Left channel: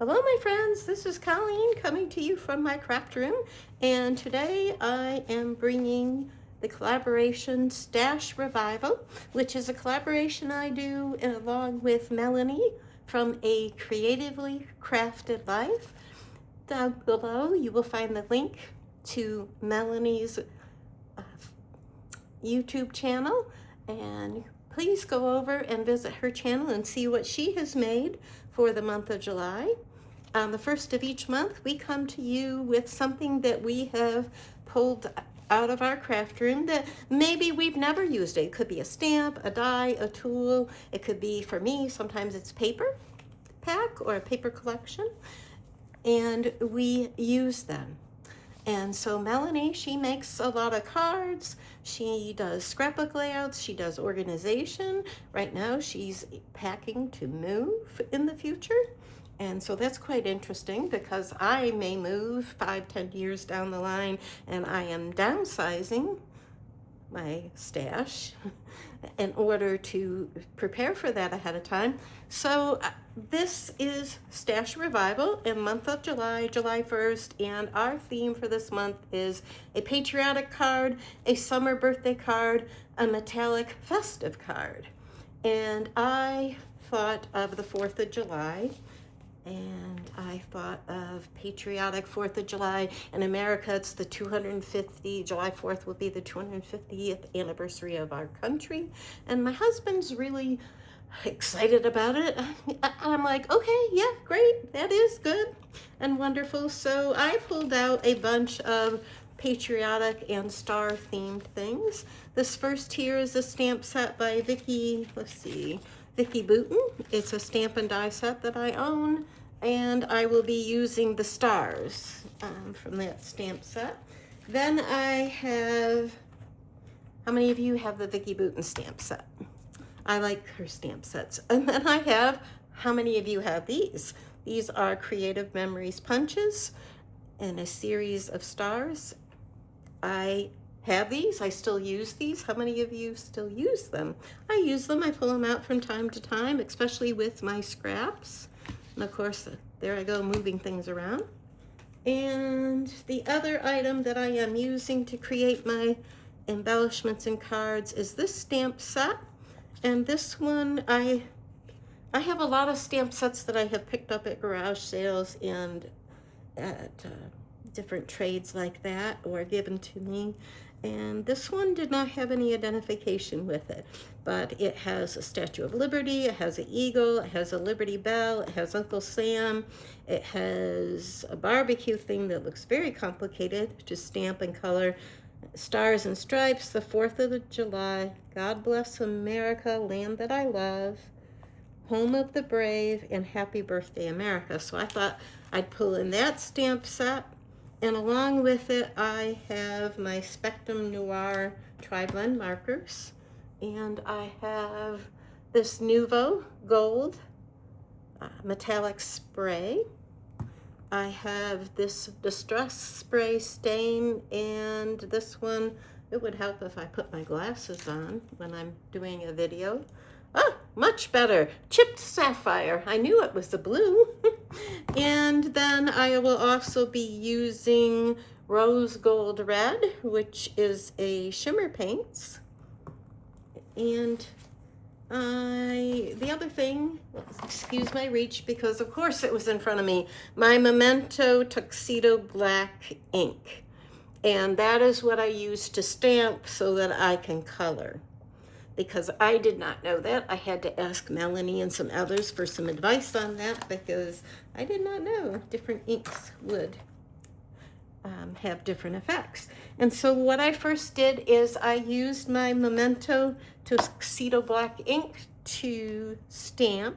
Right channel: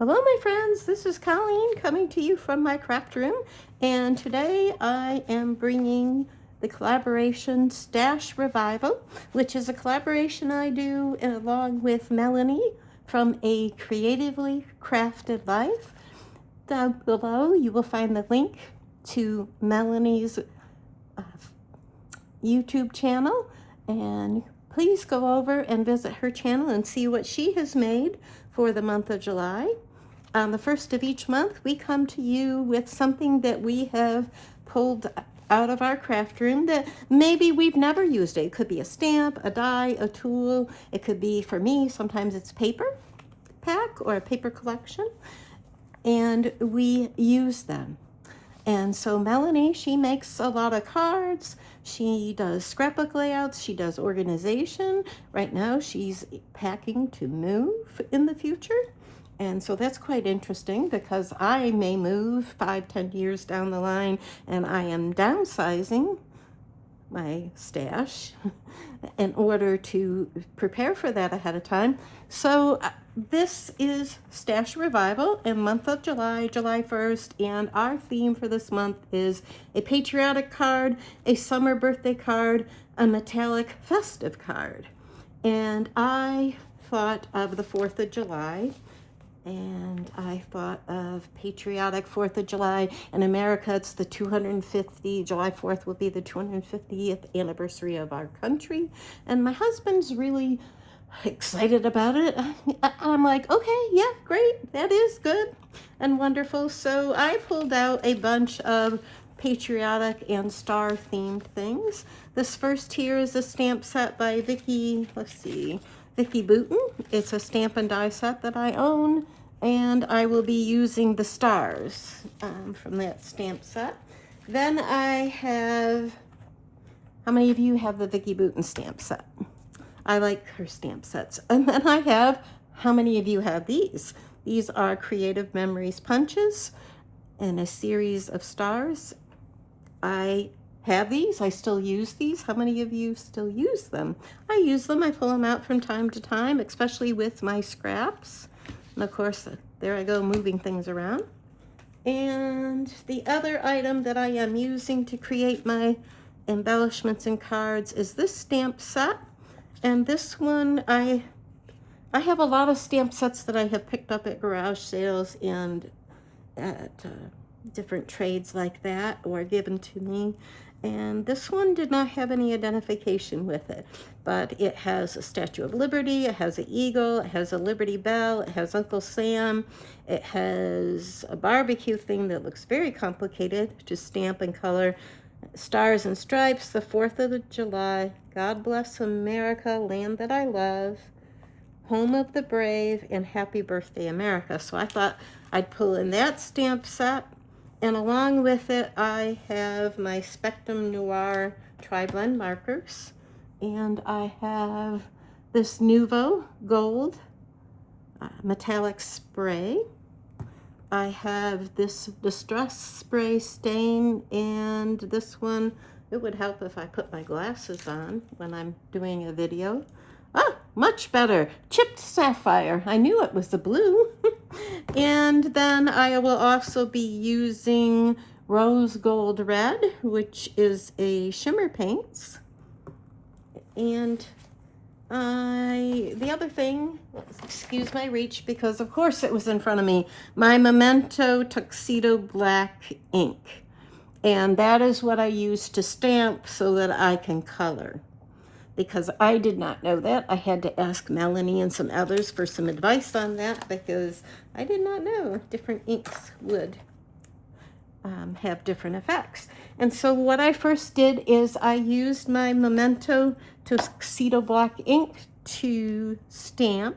Hello my friends, this is Colleen coming to you from my craft room, and today I am bringing the collaboration Stash Revival, which is a collaboration I do along with Melanie from A Creatively Crafted Life. Down below you will find the link to Melanie's YouTube channel, and please go over and visit her channel and see what she has made for the month of July. On the first of each month, we come to you with something that we have pulled out of our craft room that maybe we've never used. It could be a stamp, a die, a tool. It could be, for me, sometimes it's paper pack or a paper collection, and we use them. And so Melanie, she makes a lot of cards. She does scrapbook layouts. She does organization. Right now she's packing to move in the future. And so that's quite interesting because I may move 5-10 years down the line, and I am downsizing my stash in order to prepare for that ahead of time. So this is Stash Revival in month of July, July 1st, and our theme for this month is a patriotic card, a summer birthday card, a metallic festive card. And I thought of the 4th of July, and I thought of patriotic 4th of July. In America, it's the 250, July 4th will be the 250th anniversary of our country. And my husband's really excited about it. I'm like, okay, yeah, great, that is good and wonderful. So I pulled out a bunch of patriotic and star themed things. This first here is a stamp set by Vicki Boutin. It's a stamp and die set that I own, and I will be using the stars from that stamp set. Then I have, how many of you have the Vicki Boutin stamp set? I like her stamp sets. And then I have, how many of you have these? These are Creative Memories punches in a series of stars. I have these. I still use these. How many of you still use them? I use them. I pull them out from time to time, especially with my scraps. And of course, there I go moving things around. And the other item that I am using to create my embellishments and cards is this stamp set. And this one, I have a lot of stamp sets that I have picked up at garage sales and at different trades like that, or given to me. And this one did not have any identification with it, but it has a Statue of Liberty, it has an eagle, it has a Liberty Bell, it has Uncle Sam, it has a barbecue thing that looks very complicated to stamp and color. Stars and Stripes, the 4th of July, God Bless America, Land That I Love, Home of the Brave, and Happy Birthday America. So I thought I'd pull in that stamp set. And along with it, I have my Spectrum Noir Tri-Blend markers. And I have this Nuvo Gold metallic spray. I have this Distress Spray stain, and this one, it would help if I put my glasses on when I'm doing a video. Ah, much better. Chipped Sapphire. I knew it was the blue. And then I will also be using Rose Gold Red, which is a shimmer paints. And the other thing, excuse my reach because of course it was in front of me, my Memento Tuxedo Black ink. And that is what I use to stamp so that I can color. Because I did not know that. I had to ask Melanie and some others for some advice on that because I did not know different inks would have different effects. And so what I first did is I used my Memento Tuxedo Black ink to stamp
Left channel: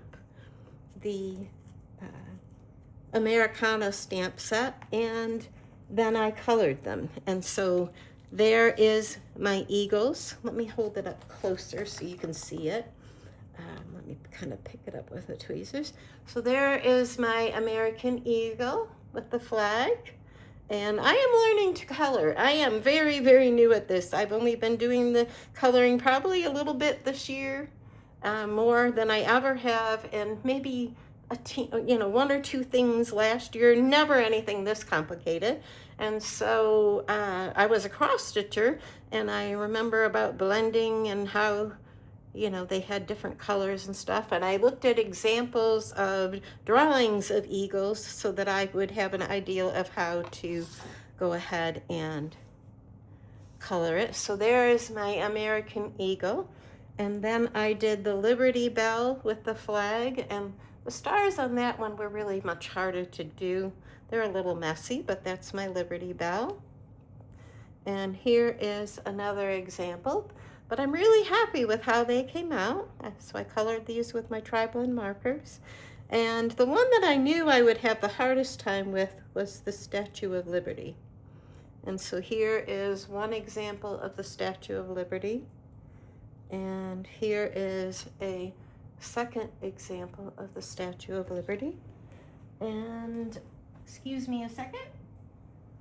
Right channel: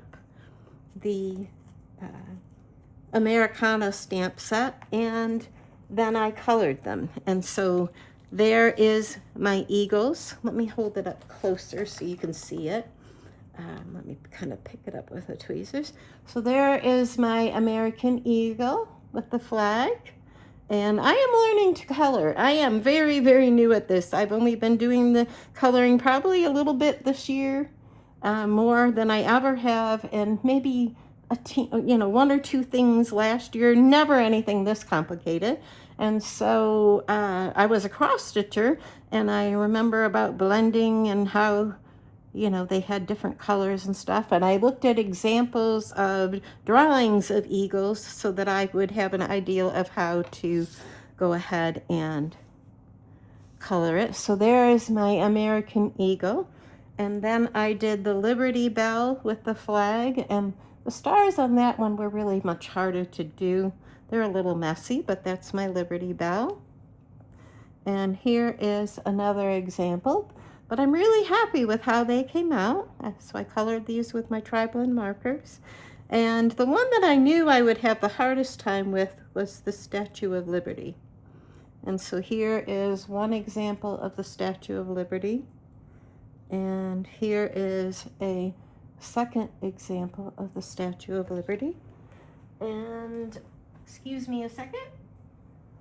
the Americana stamp set, and then I colored them. And so there is my eagles. Let me hold it up closer so you can see it. Let me kind of pick it up with the tweezers. So there is my American eagle with the flag. And I am learning to color. I am very, very new at this. I've only been doing the coloring probably a little bit this year, more than I ever have, and maybe one or two things last year, never anything this complicated. And so I was a cross stitcher, and I remember about blending and how they had different colors and stuff. And I looked at examples of drawings of eagles so that I would have an idea of how to go ahead and color it. So there is my American eagle. And then I did the Liberty Bell with the flag, and the stars on that one were really much harder to do. They're a little messy, but that's my Liberty Bell. And here is another example, but I'm really happy with how they came out. So I colored these with my tri-blend markers. And the one that I knew I would have the hardest time with was the Statue of Liberty. And so here is one example of the Statue of Liberty. And here is a second example of the Statue of Liberty. And excuse me a second.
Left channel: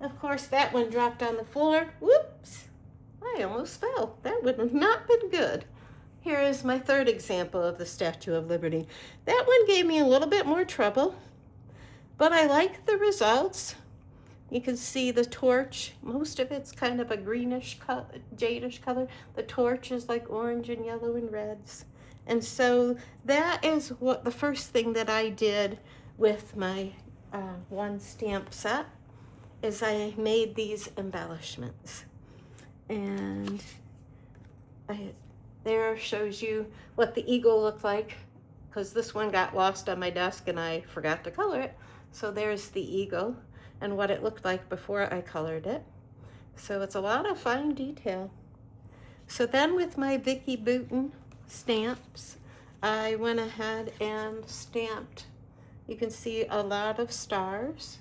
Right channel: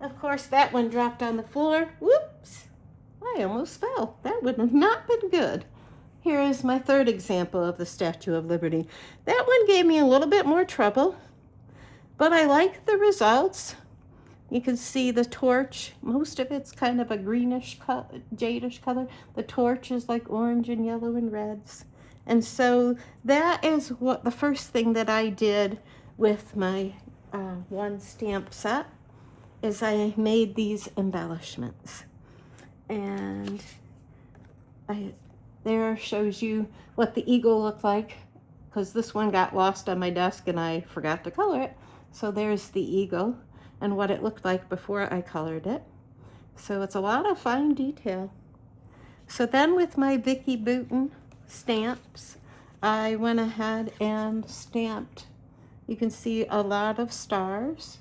Of course, that one dropped on the floor. Whoops! I almost fell. That would have not been good. Here is my third example of the Statue of Liberty. That one gave me a little bit more trouble, but I like the results. You can see the torch. Most of it's kind of a greenish, jadish color. The torch is like orange and yellow and reds. And so that is what the first thing that I did with my one stamp set is I made these embellishments. And there shows you what the eagle looked like, because this one got lost on my desk and I forgot to color it. So there's the eagle and what it looked like before I colored it. So it's a lot of fine detail. So then with my Vicki Boutin stamps, I went ahead and stamped, you can see a lot of stars,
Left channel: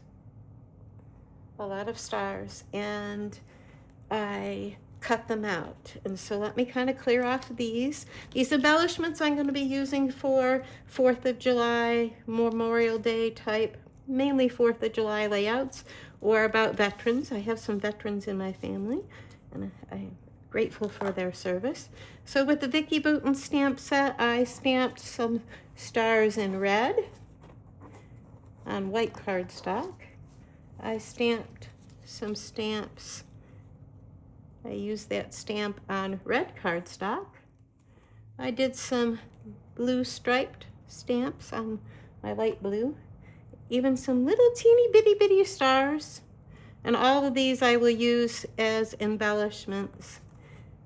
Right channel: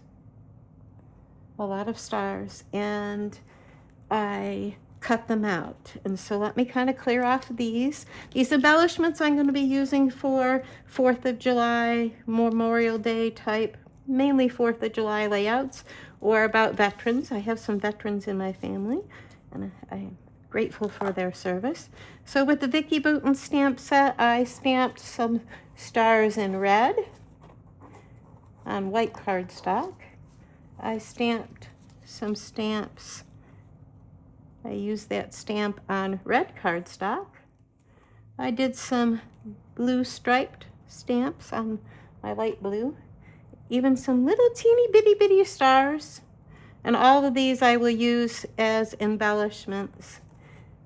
and I cut them out. And so let me kind of clear off these. These embellishments I'm going to be using for 4th of July, Memorial Day type, mainly 4th of July layouts, or about veterans. I have some veterans in my family, and I'm grateful for their service. So with the Vicki Boutin stamp set, I stamped some stars in red on white cardstock. I stamped some stamps. I used that stamp on red cardstock. I did some blue striped stamps on my light blue. Even some little teeny bitty stars. And all of these I will use as embellishments.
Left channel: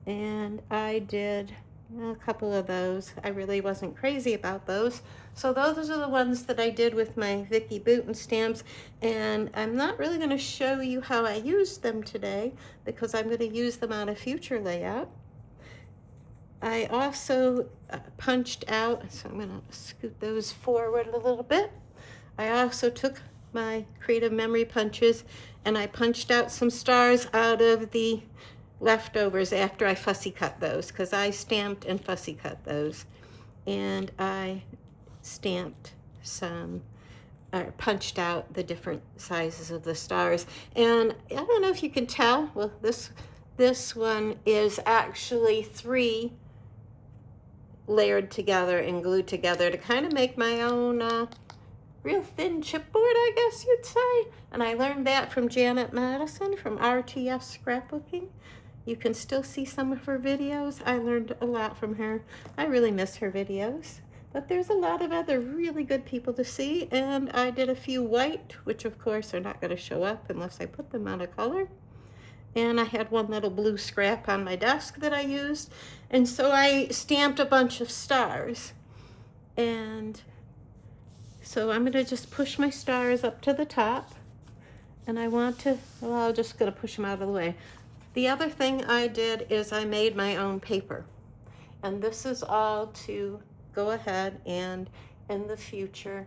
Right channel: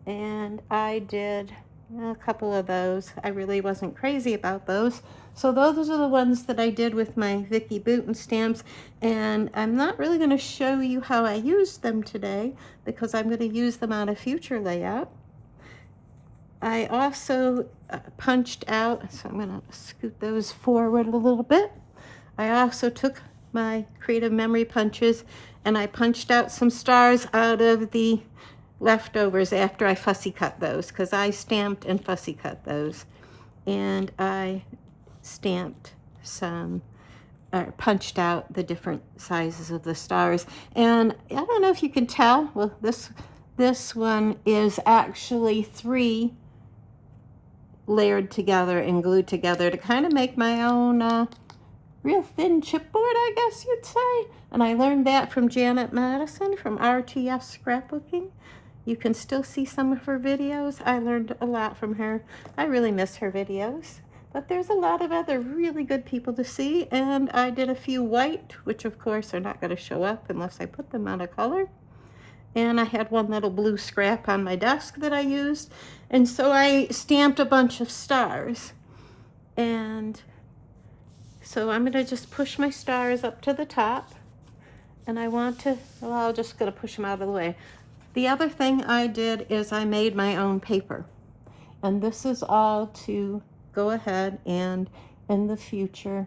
And I did a couple of those. I really wasn't crazy about those. So those are the ones that I did with my Vicki Boutin stamps, and I'm not really going to show you how I used them today because I'm going to use them on a future layout. I also punched out, so I'm going to scoot those forward a little bit. I also took my creative memory punches and I punched out some stars out of the leftovers after I fussy cut those, because I stamped and fussy cut those. And I stamped some, or punched out the different sizes of the stars. And I don't know if you can tell, well, this one is actually 3 layered together and glued together to kind of make my own real thin chipboard, I guess you'd say. And I learned that from Janet Madison from RTS Scrapbooking. You can still see some of her videos. I learned a lot from her. I really miss her videos. But there's a lot of other really good people to see, and I did a few white, which of course are not going to show up unless I put them on a color. And I had one little blue scrap on my desk that I used, and so I stamped a bunch of stars. And so I'm going to just push my stars up to the top, and I want to, well, I'm just going to push them out of the way. The other thing I did is I made my own paper, and this is all to go ahead and in the future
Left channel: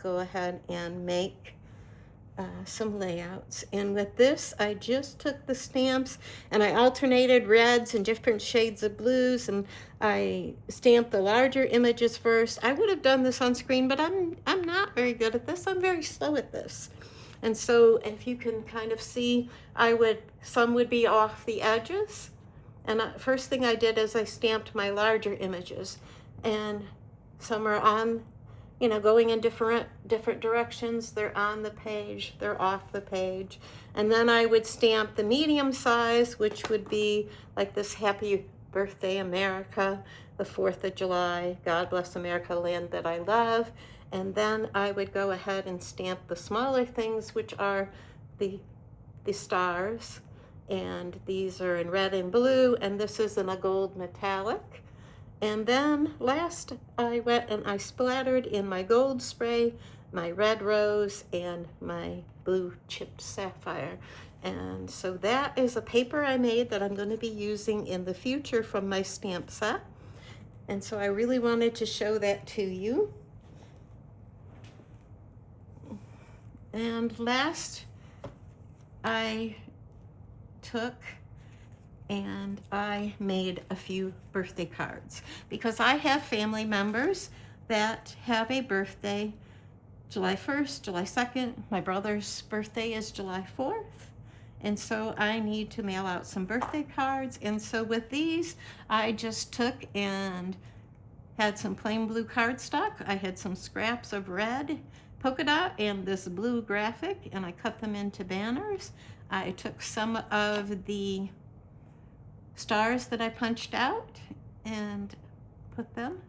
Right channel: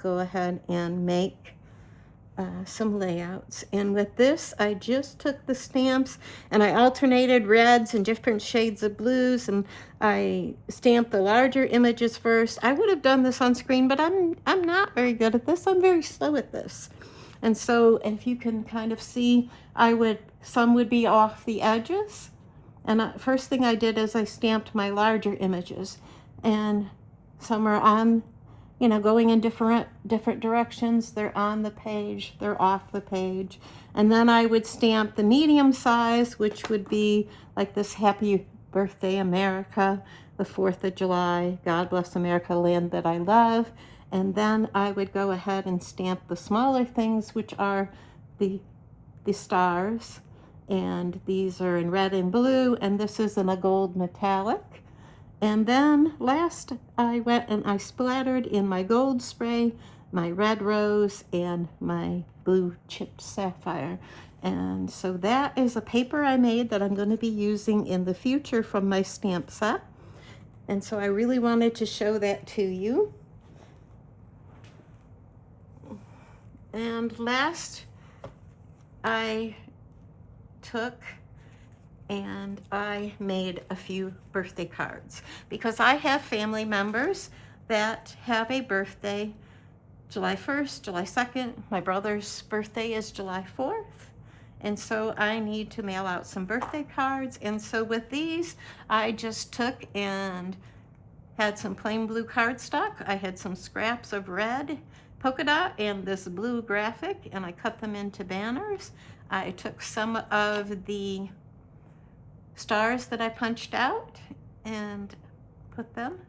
go ahead and make some layouts. And with this I just took the stamps and I alternated reds and different shades of blues, and I stamped the larger images first. I would have done this on screen, but I'm not very good at this. I'm very slow at this. And so if you can kind of see, some would be off the edges. And first thing I did is I stamped my larger images, and some are on you know, going in different directions. They're on the page, they're off the page. And then I would stamp the medium size, which would be like this Happy Birthday America, the 4th of July, God bless America, land that I love. And then I would go ahead and stamp the smaller things, which are the stars. And these are in red and blue, and this is in a gold metallic. And then last, I went and I splattered in my gold spray, my red rose, and my blue chipped sapphire. And so that is a paper I made that I'm going to be using in the future from my stamp set. And so I really wanted to show that to you. And last, I took and I made a few birthday cards because I have family members that have a birthday July 1st, July 2nd. My brother's birthday is July 4th. And so I need to mail out some birthday cards. And so with these, I just took and had some plain blue cardstock. I had some scraps of red polka dot and this blue graphic, and I cut them into banners. I took some of the stars that I punched out and put them.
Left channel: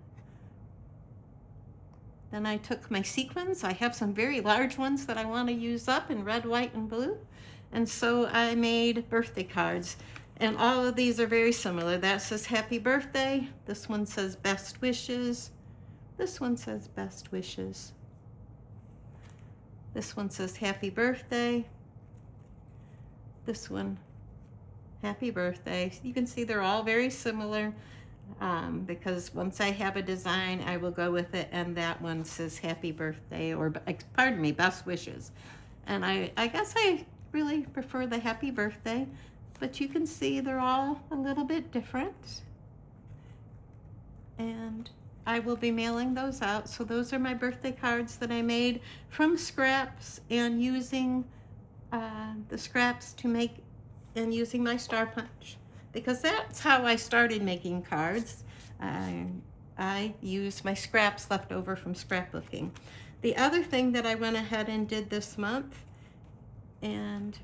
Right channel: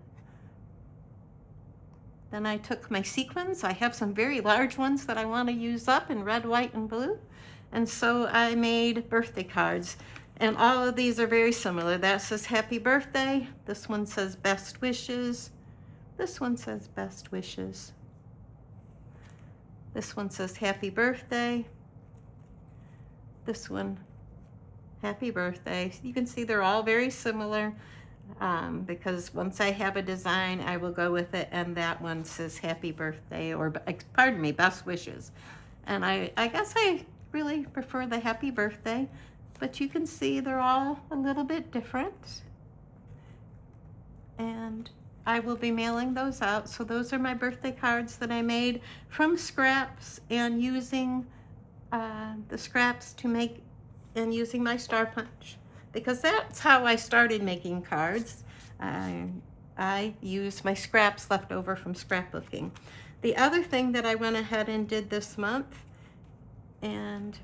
Then I took my sequins. I have some very large ones that I want to use up in red, white, and blue. And so I made birthday cards. And all of these are very similar. That says happy birthday. This one says best wishes. This one says best wishes. This one says happy birthday. This one, happy birthday. You can see they're all very similar because once I have a design, I will go with it. And that one says happy birthday, or pardon me, best wishes. And I guess I really prefer the happy birthday, but you can see they're all a little bit different. And I will be mailing those out. So those are my birthday cards that I made from scraps and using the scraps to make, and using my star punch, because that's how I started making cards. I used my scraps left over from scrapbooking. The other thing that I went ahead and did this month, and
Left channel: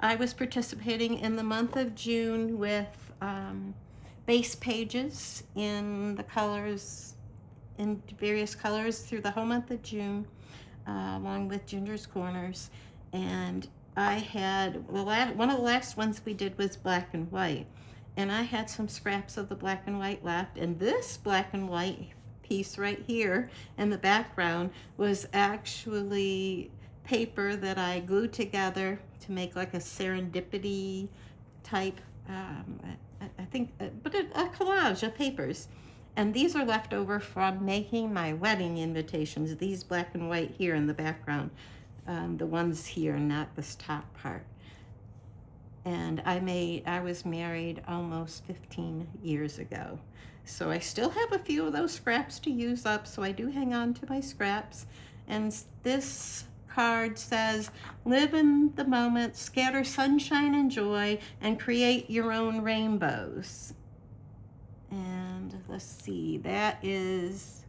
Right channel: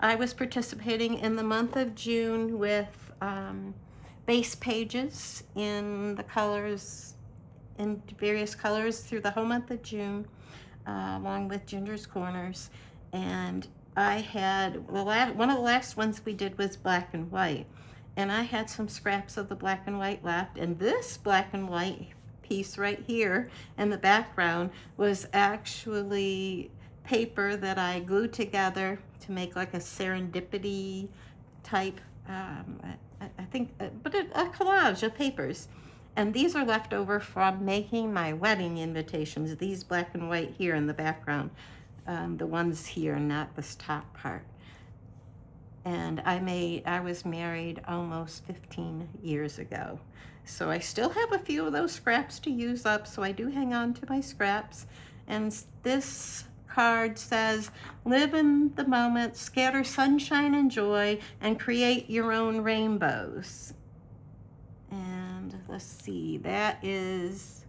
I was participating in the month of June with base pages in the colors, in various colors through the whole month of June, along with Ginger's Corners. And I had, one of the last ones we did was black and white. And I had some scraps of the black and white left. And this black and white piece right here in the background was actually paper that I glued together to make like a serendipity type, I think, but a collage of papers. And these are left over from making my wedding invitations, these black and white here in the background. The ones here, not this top part. And I was married almost 15 years ago. So I still have a few of those scraps to use up, so I do hang on to my scraps. And this card says, live in the moment, scatter sunshine and joy, and create your own rainbows. And let's see, that is,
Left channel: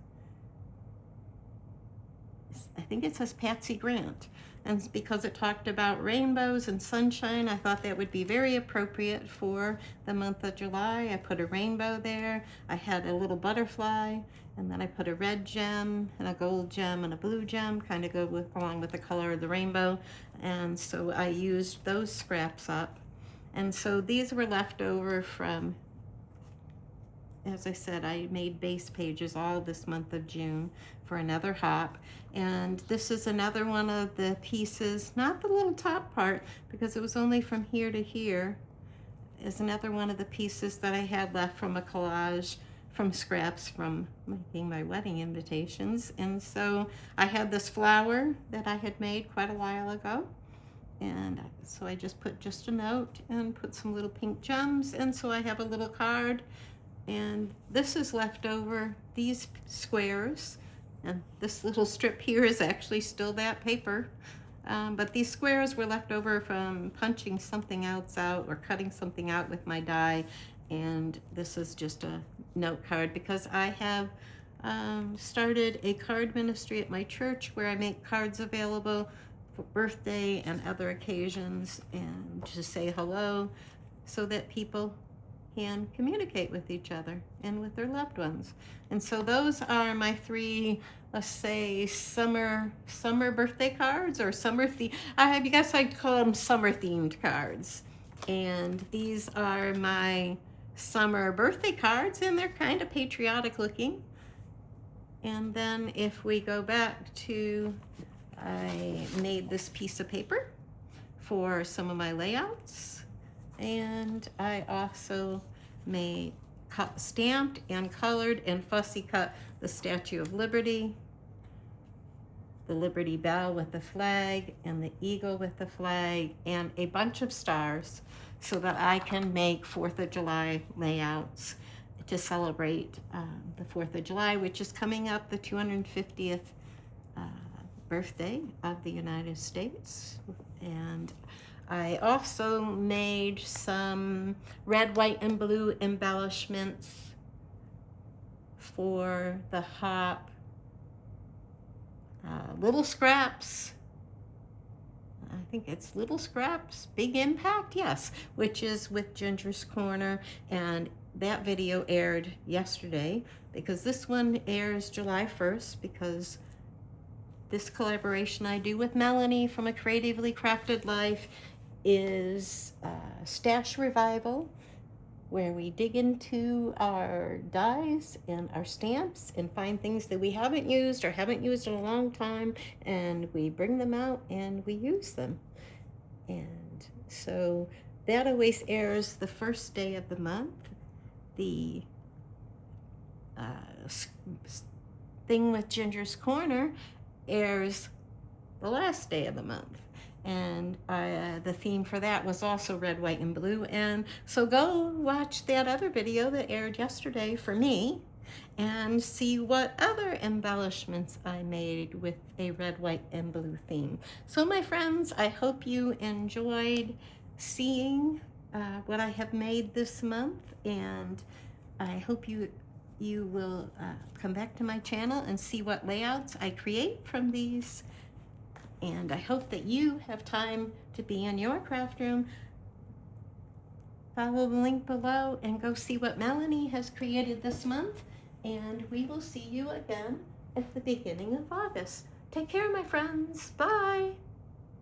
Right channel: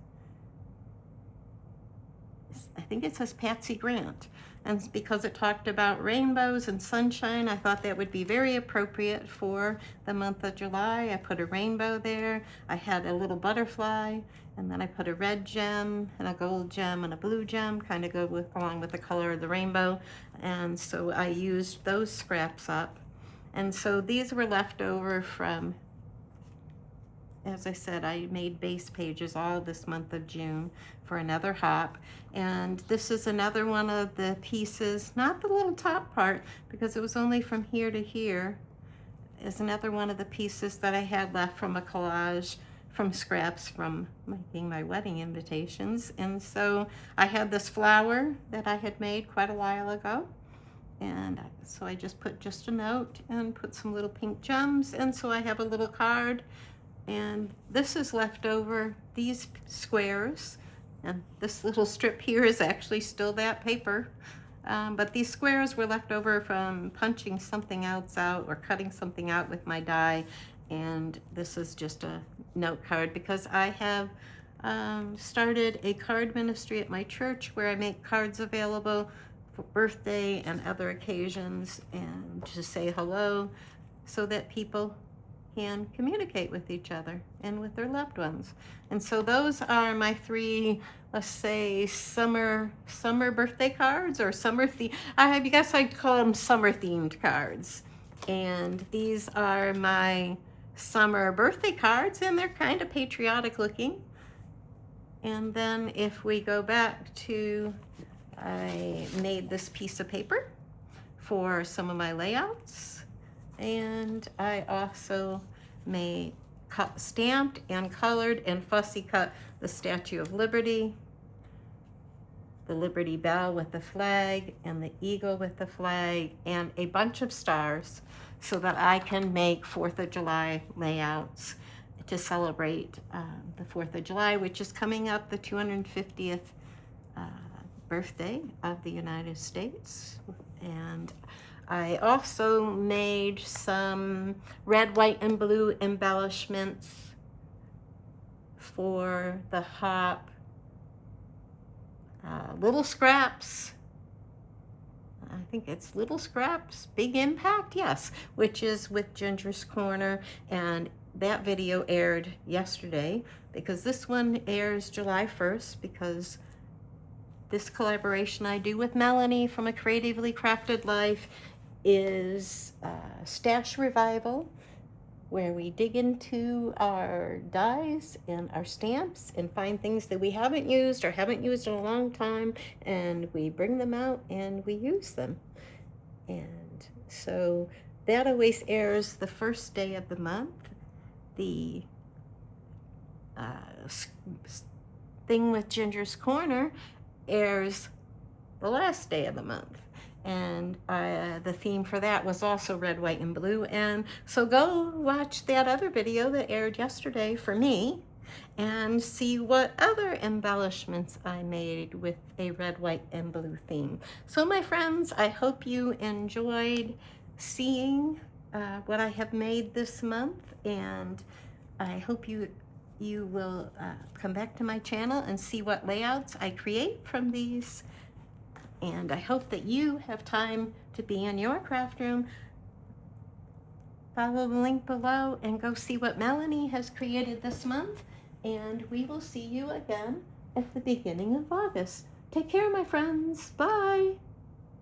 I think it says Patsy Grant. And because it talked about rainbows and sunshine, I thought that would be very appropriate for the month of July. I put a rainbow there. I had a little butterfly, and then I put a red gem and a gold gem and a blue gem, kind of go along with the color of the rainbow. And so I used those scraps up. And so these were left over from, as I said, I made base pages all this month of June for another hop. And this is another one of the pieces, not the little top part, because it was only from here to here, is another one of the pieces that I had left from a collage from scraps from making my wedding invitations. And so I had this flower that I had made quite a while ago. And so I just put just a note and put some little pink gems. And so I have a little card. And this is left over, these squares, and this little strip here is actually still that paper, but these squares were left over from punching something else out or cutting something out with my die. And this is just a note card because I have started a card ministry at my church where I make cards available for birthday and other occasions and to say hello so that people can communicate with each other and with their loved ones. And so those are my three, let's say, summer birthday cards, or I guess I'd call them summer themed cards. And these are my summer birthday cards, and they're kind of patriotic looking. And then if we go back to, I made this piece of paper for some of my layouts, and I also stamped and colored and fussy cut the Statue of Liberty, the Liberty Bell with the flag, and the eagle with the flag, and a bunch of stars so that I can make 4th of July layouts to celebrate the 4th of July, which is coming up, the 250th birthday of the United States. And I also made some red, white, and blue embellishments for the hop, Little Scraps. I think it's Little Scraps, Big Impact, yes, which is with Ginger's Corner, and that video aired yesterday because this one airs July 1st because this collaboration I do with Melanie from A Creatively Crafted Life is Stash Revival, where we dig into our dies and our stamps and find things that we haven't used or haven't used in a long time, and we bring them out and we use them. And so that always airs the first day of the month. The thing with Ginger's Corner airs the last day of the month. And the theme for that was also red, white, and blue. And so go watch that other video that aired yesterday for me and see what other embellishments I made with a red, white, and blue theme. So my friends, I hope you enjoyed seeing what I have made this month, and I hope you will come back to my channel and see what layouts I create from these. And I hope that you have time to be in your craft room. Follow the link below and go see what Melanie has created this month. And we will see you again at the beginning of August. Take care, my friends. Bye.